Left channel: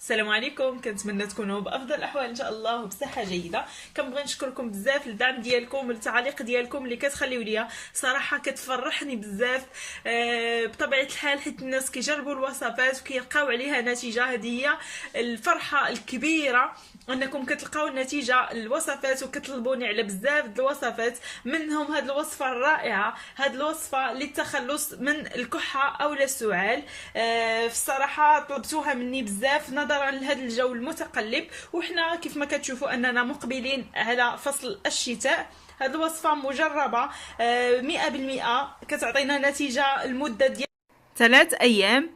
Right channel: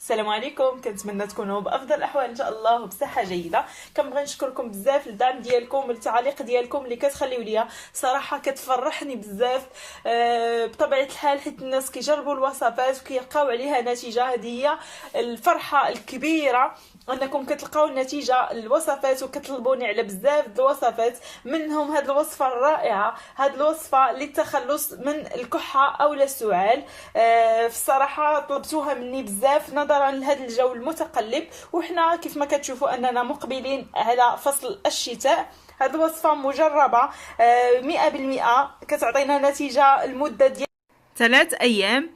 السلام عليكم، كنتمنى تكونوا بافضل الاحوال ان شاء الله وبصحه جيده. كنبغي نشكركم بزاف للدعم ديالكم والتعاليق ديالكم اللي كتخليو ليا، صراحه كتفرحني بزاف. بطبيعه الحال حيت الناس كيجربوا الوصفات وكيلقاو عليها نتيجه، هذه هي الفرحه الكبيره انكم كتلقاو النتيجه الوصفات وكتطلبوني على بزاف د الوصفات، منهم هذه الوصفه الرائعه، هذه الوصفه للتخلص من الكحه او السعال. في الصراحه طلبتوها مني بزاف نظرا لهذا الجو المتقلب، وحنا كيف ما كتشوفوا اننا مقبلين على فصل الشتاء. هذه الوصفه مجربه 100%، كتعطينا نتيجه المده ديال 3 ايام،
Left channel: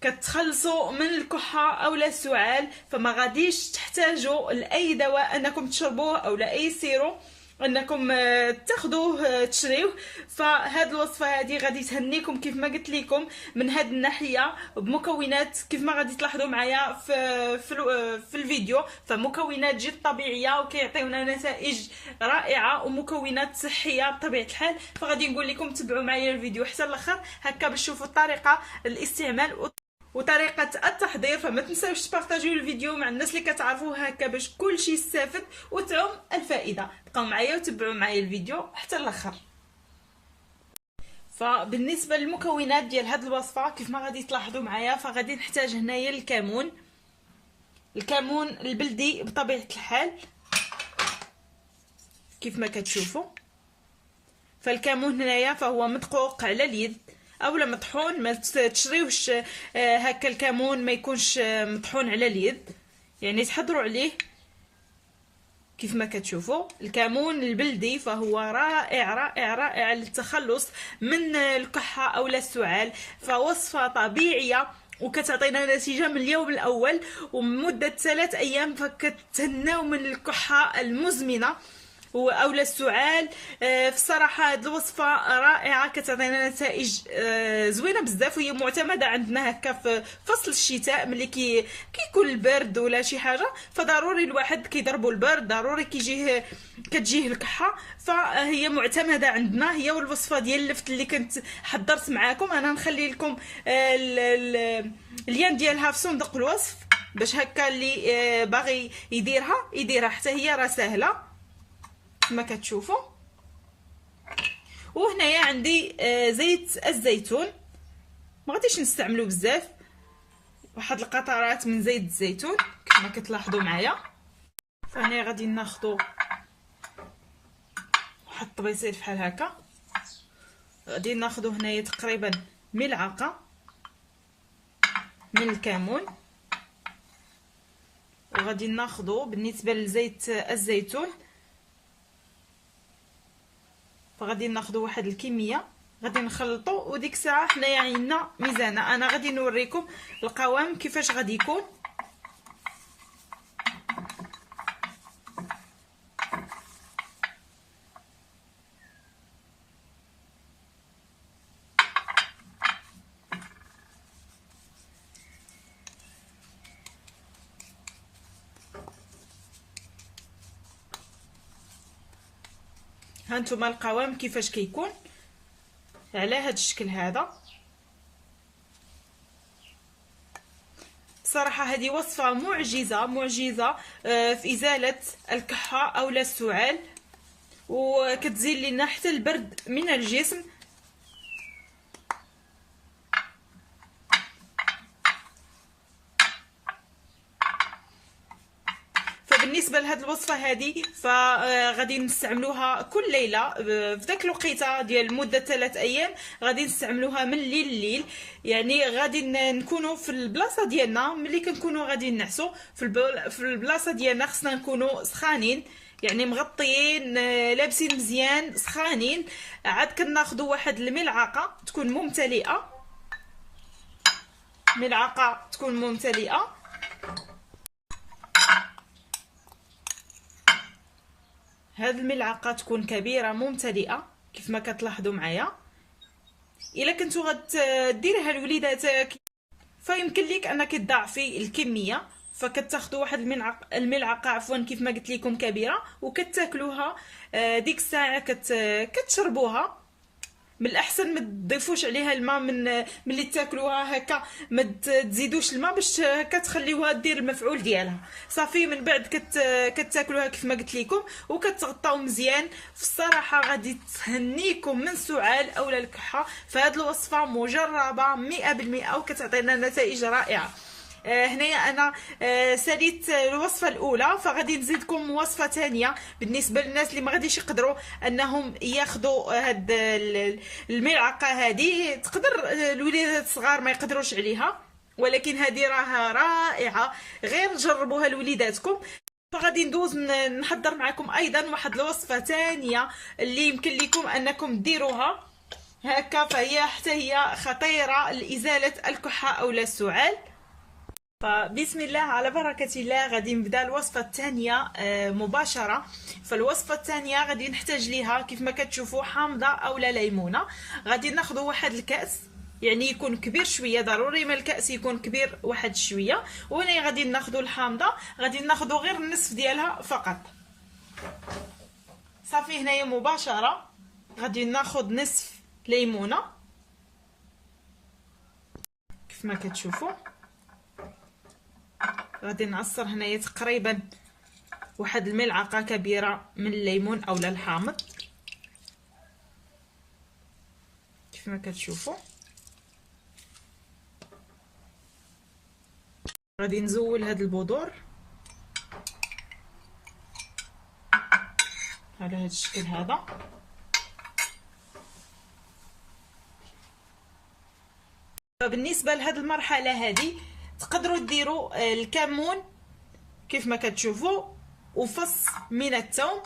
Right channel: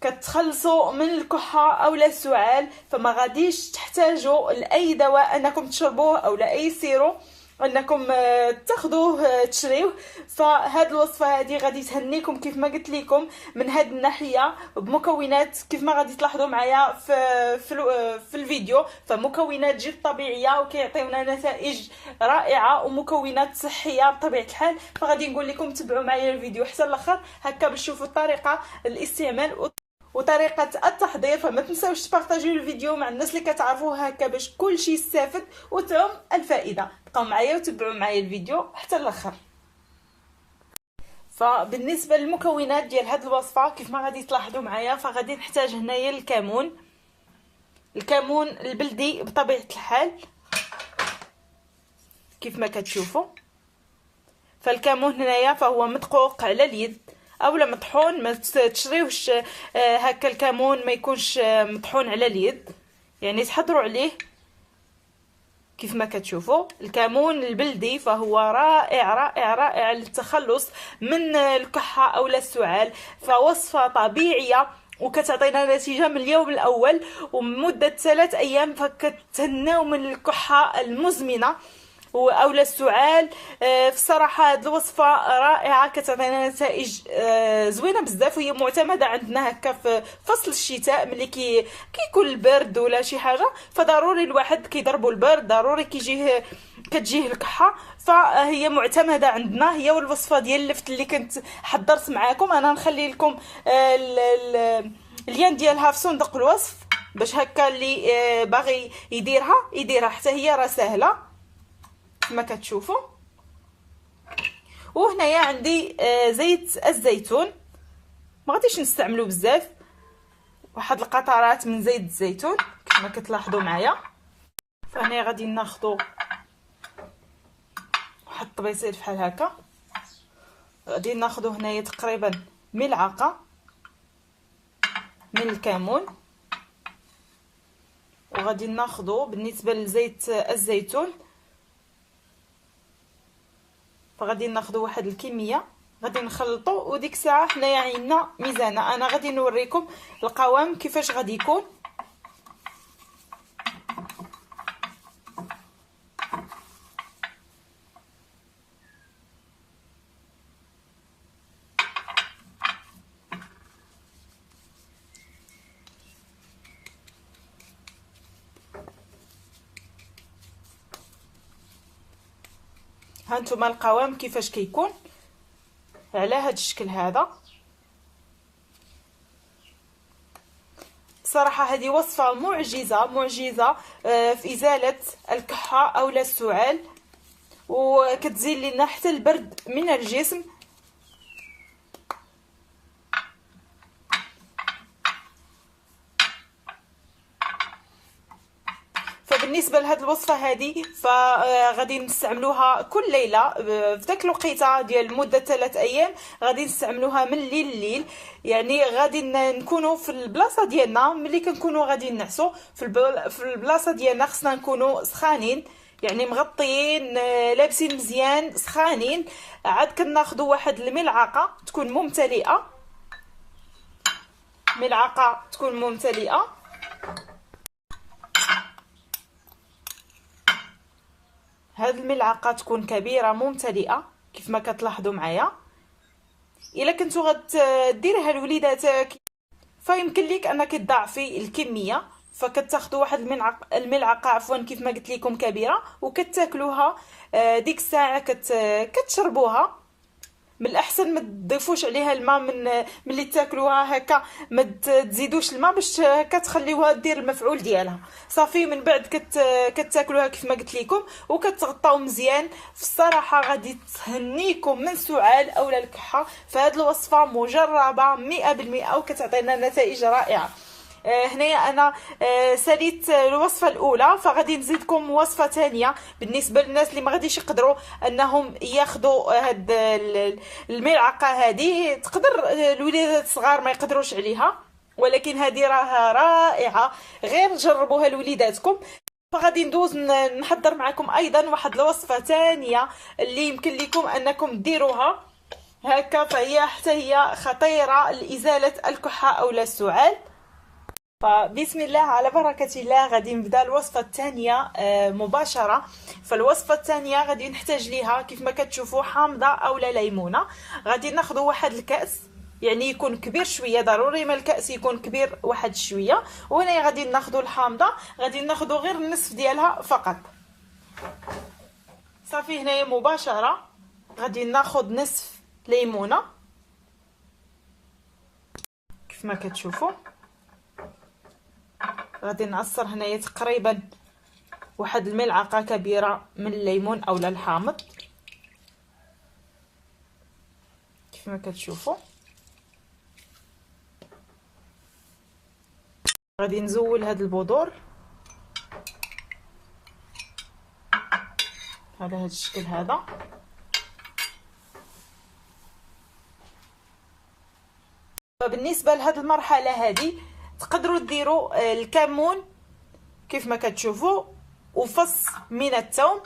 كتخلصوا من الكحه او السعال، فما غاديش تحتاجوا لاي دواء انكم تشربوه او لاي سيرو انكم تاخذوه تشريوه. فهاد الوصفه هذه غادي تهنيكم كيف ما قلت لكم من هاد الناحيه، بمكونات كيف ما غادي تلاحظوا معايا في الفيديو، فمكونات جد طبيعيه وكيعطيونا نتائج رائعه ومكونات صحيه بطبيعه الحال. فغادي نقول لكم تبعوا معايا الفيديو حتى الاخر هكا باش تشوفوا الطريقه الاستعمال وطريقه التحضير. فما تنساوش تبارطاجيو الفيديو مع الناس اللي كتعرفوه هكا باش كلشي يستافد وتعم الفائده. بقاو معايا وتبعوا معايا الفيديو حتى الاخر. فبالنسبه للمكونات ديال هذه الوصفه كيف ما غادي تلاحظوا معايا، فغادي نحتاج هنايا الكمون البلدي بطبيعه الحال كيف ما كتشوفوا. فالكمون هنايا فهو مدقوق على اليد اولا مطحون، ما تشريوش هكا الكمون ما يكونش مطحون على اليد، يعني تحضروا عليه. كيف ما كتشوفوا الكمون البلدي فهو رائع رائع رائع للتخلص من الكحه او السعال، فوصفه طبيعيه وكتعطينا نتيجه من اليوم الاول ومده 3 ايام، فكتهناو من الكحه المزمنه او السعال. في الصراحه هذه الوصفه رائعه، كتعطينا نتائج زوينه بزاف، وهي معتمده عندنا هكا في فصل الشتاء ملي كيكون البرد ولا شي حاجه، فضروري الواحد كيضربوا البرد، ضروري كتجيه الكحه، فهي معتمده عندنا. هي والوصفه ديال اللفت اللي كنت حضرت معاكم، انا نخلي لكم اللين ديالها في صندوق الوصف باش هكا اللي باغي يديرها حتى هي راه سهله كما كتشوفوا. وهنايا عندي زيت الزيتون، ما غاديش نستعملو بزاف، واحد القطرات من زيت الزيتون كما كتلاحظوا معايا. فهنا غادي ناخذوا واحد الطبيصيل بحال هكا، غادي ناخذوا هنايا تقريبا ملعقه من الكمون، وغادي ناخذوا بالنسبه لزيت الزيتون فغادي ناخذوا واحد الكميه، غادي نخلطوا، وديك الساعه حنايا عندنا ميزانه. انا غادي نوريكم القوام كيفاش غادي يكون. هانتوما القوام كيفاش كيكون على هذا الشكل هذا. بصراحه هذه وصفه معجزه في ازاله الكحه او السعال، وكتزيل لنا حتى البرد من الجسم. بالنسبه لهاد الوصفه هذه فغادي نستعملوها كل ليله في داك الوقيته ديال مده 3 ايام، غادي نستعملوها من الليل لليل. يعني غادي نكونوا في البلاصه ديالنا ملي كنكونوا غادي نعسوا في البلاصه ديالنا، خصنا نكونوا سخانين، يعني مغطيين لابسين مزيان سخانين. عاد كناخذوا واحد الملعقه تكون ممتلئه، ملعقه تكون ممتلئه. هاد الملعقه تكون كبيره ممتلئه كيف ما كتلاحظوا معايا. الا كنتو غديريها لوليداتك فيمكن لك انك تضاعفي الكميه، فكتاخذوا واحد الملعقه عفوا كيف ما قلت لكم كبيره وكتاكلوها. ديك الساعه كتشربوها من الاحسن ما تضيفوش عليها الماء من ملي تاكلوها هكا، ما تزيدوش الماء باش هكا تخليوها دير المفعول ديالها. صافي من بعد كتاكلوها كيف ما قلت لكم وكتغطاو مزيان. في الصراحه غادي تهنيكم من سعال اولا الكحه. فهاد الوصفه مجربه 100% وكتعطينا نتائج رائعه. هنايا انا ساليت الوصفه الاولى، فغادي نزيدكم وصفه ثانيه بالنسبه للناس اللي ما غاديش يقدروا انهم ياخذوا هاد الملعقه هذه. تقدر الوليدات الصغار ما يقدروش عليها، ولكن هذه راها رائعه، غير جربوها لوليداتكم. فغادي ندوز نحضر معكم ايضا واحد الوصفه ثانيه اللي يمكن لكم انكم ديروها هكا، فهي حتى هي خطيره لازاله الكحه او السعال. فبسم الله على بركة الله غادي نبدا الوصفة الثانية مباشرة. فالوصفة الثانية غادي نحتاج ليها كيف ما كتشوفوا حامضة اولا ليمونة. غادي ناخذ واحد الكأس، يعني يكون كبير شويه، ضروري ما الكأس يكون كبير واحد شويه. وهنا غادي ناخذ الحامضة، غادي ناخذ غير النصف ديالها فقط. صافي هنايا مباشرة غادي ناخذ نصف ليمونة كيف ما كتشوفوا. غادي نعصر هنايا تقريبا واحد الملعقه كبيره من الليمون اولا الحامض كيف ما كتشوفوا. غادي نزول هاد البذور على هاد الشكل هذا. فبالنسبه لهاد المرحله هذه تقدروا ديروا الكمون كيف ما كتشوفوا، وفص من الثوم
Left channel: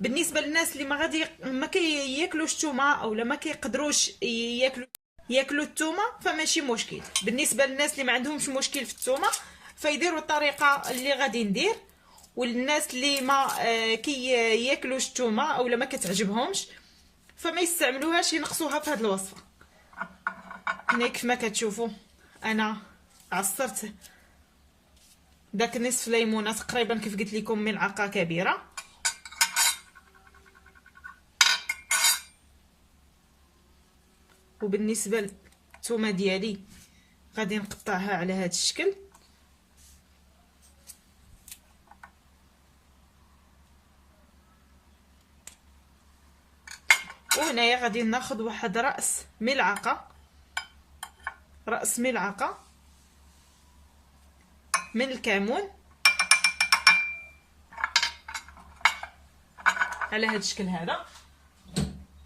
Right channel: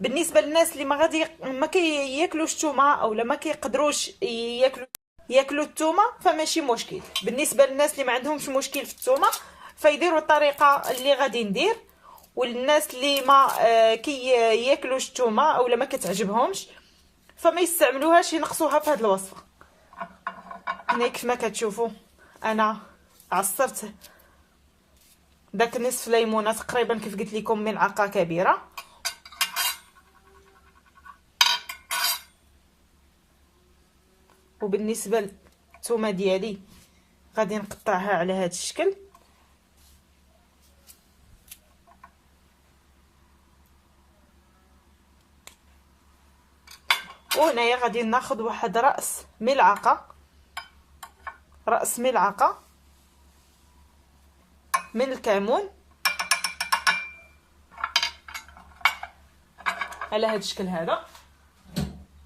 بالنسبه للناس اللي ما كياكلوش الثومه او ما كيقدروش ياكلوا الثومه فماشي مشكل. بالنسبه للناس اللي ما عندهمش مشكل في الثومه فيديروا الطريقه اللي غادي ندير. والناس اللي ما كياكلوش الثومه او ما كتعجبهمش فما يستعملوهاش، ينقصوها في هذه الوصفه. هنا كيف ما كتشوفوا انا عصرت داك نصف ليمونه تقريبا كيف قلت لكم ملعقه كبيره. وبالنسبه للثومه ديالي غادي نقطعها على هذا الشكل. وهنايا غادي ناخذ واحد راس ملعقه من الكمون على هذا الشكل هذا.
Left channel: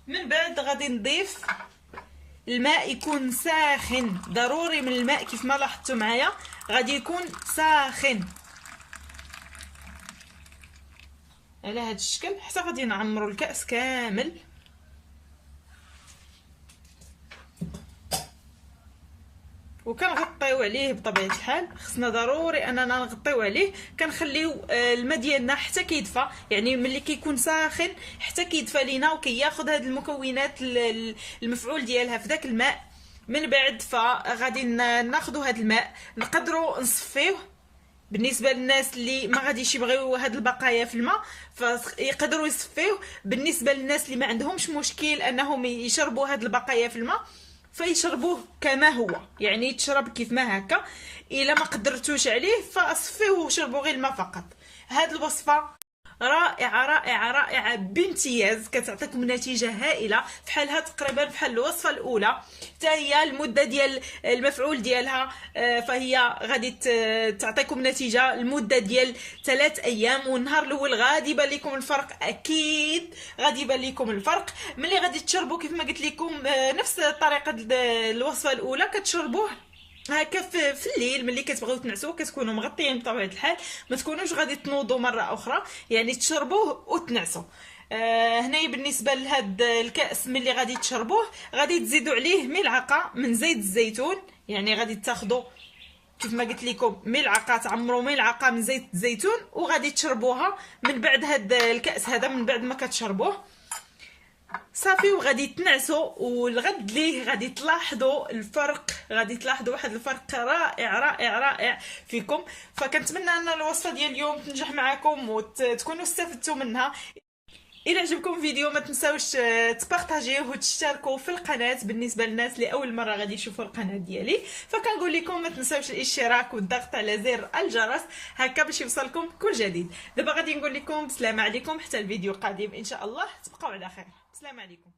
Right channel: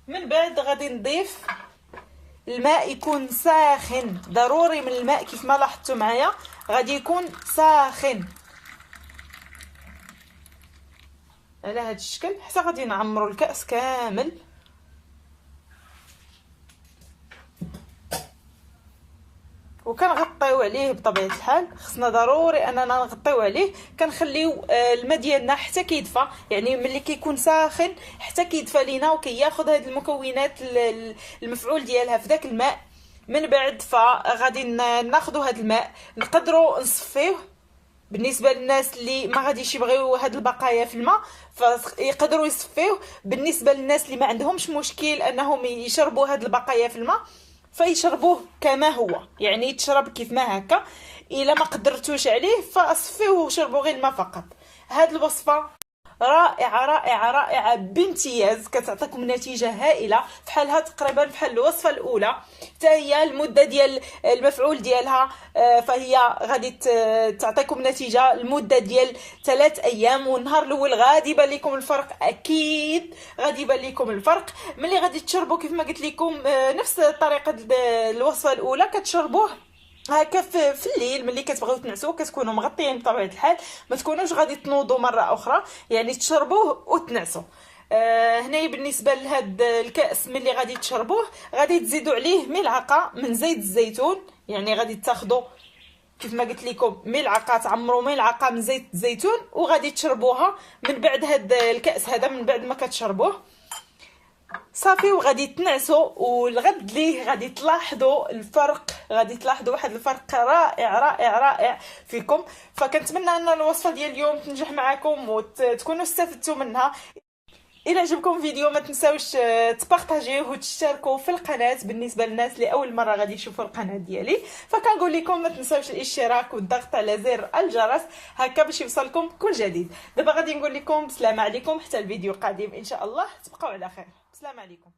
من بعد غادي نضيف الماء يكون ساخن، ضروري من الماء كيف ما لاحظتوا معايا غادي يكون ساخن على هذا الشكل حتى غادي نعمروا الكأس كامل. وكنغطيو عليه بطبيعه الحال، خصنا ضروري اننا نغطيو عليه. كنخليو الماء ديالنا حتى كيدفى، يعني ملي كيكون ساخن حتى كيدفى لينا وكياخذ هاد المكونات المفعول ديالها في داك الماء. من بعد فغادي ناخذوا هاد الماء نقدروا نصفيوه. بالنسبه للناس اللي ما غاديش يبغيو هاد البقايا في الماء فيقدروا يصفيوه. بالنسبه للناس اللي ما عندهمش مشكل انهم يشربوا هاد البقايا في الماء فيشربوه كما هو، يعني يتشرب كيف ما هكا. الا ما قدرتوش عليه فاصفيه وشربوا غير الماء فقط. هاد الوصفه رائعه رائعه رائعه بامتياز، كتعطيكم نتيجه هائله بحالها تقريبا بحال الوصفه الاولى. حتى هي المده ديال المفعول ديالها فهي غادي تعطيكم نتيجه المده ديال 3 ايام. والنهار الاول غادي يبان لكم الفرق، اكيد غادي يبان لكم الفرق ملي غادي تشربوا كيف ما قلت لكم نفس طريقه الوصفه الاولى. كتشربوه هكا في الليل ملي كتبغيو تنعسوا، كتكونوا مغطيين بطبيعه الحال، ما تكونوش غادي تنوضوا مره اخرى، يعني تشربوه وتنعسوا. هنا بالنسبه لهاد الكاس ملي غادي تشربوه غادي تزيدوا عليه ملعقه من زيت الزيتون، يعني غادي تاخذوا كيف ما قلت لكم ملعقه، تعمروا ملعقه من زيت الزيتون وغادي تشربوها من بعد هاد الكاس هذا. من بعد ما كتشربوه صافي وغادي تنعسوا، والغد ليه غادي تلاحظوا الفرق، غادي تلاحظوا واحد الفرق رائع رائع رائع فيكم. فكنتمنى ان الوصفه ديال اليوم تنجح معكم وتكونوا استفدتوا منها. الى عجبكم الفيديو ما تنساوش تبارطاجيوه وتشتركوا في القناه بالنسبه للناس اللي اول مره غادي يشوفوا القناه ديالي. فكنقول لكم ما تنساوش الاشتراك والضغط على زر الجرس هكا باش يوصلكم كل جديد. دابا غادي نقول لكم بسلامه عليكم حتى الفيديو القادم ان شاء الله. تبقاو على خير. بسلامه عليكم.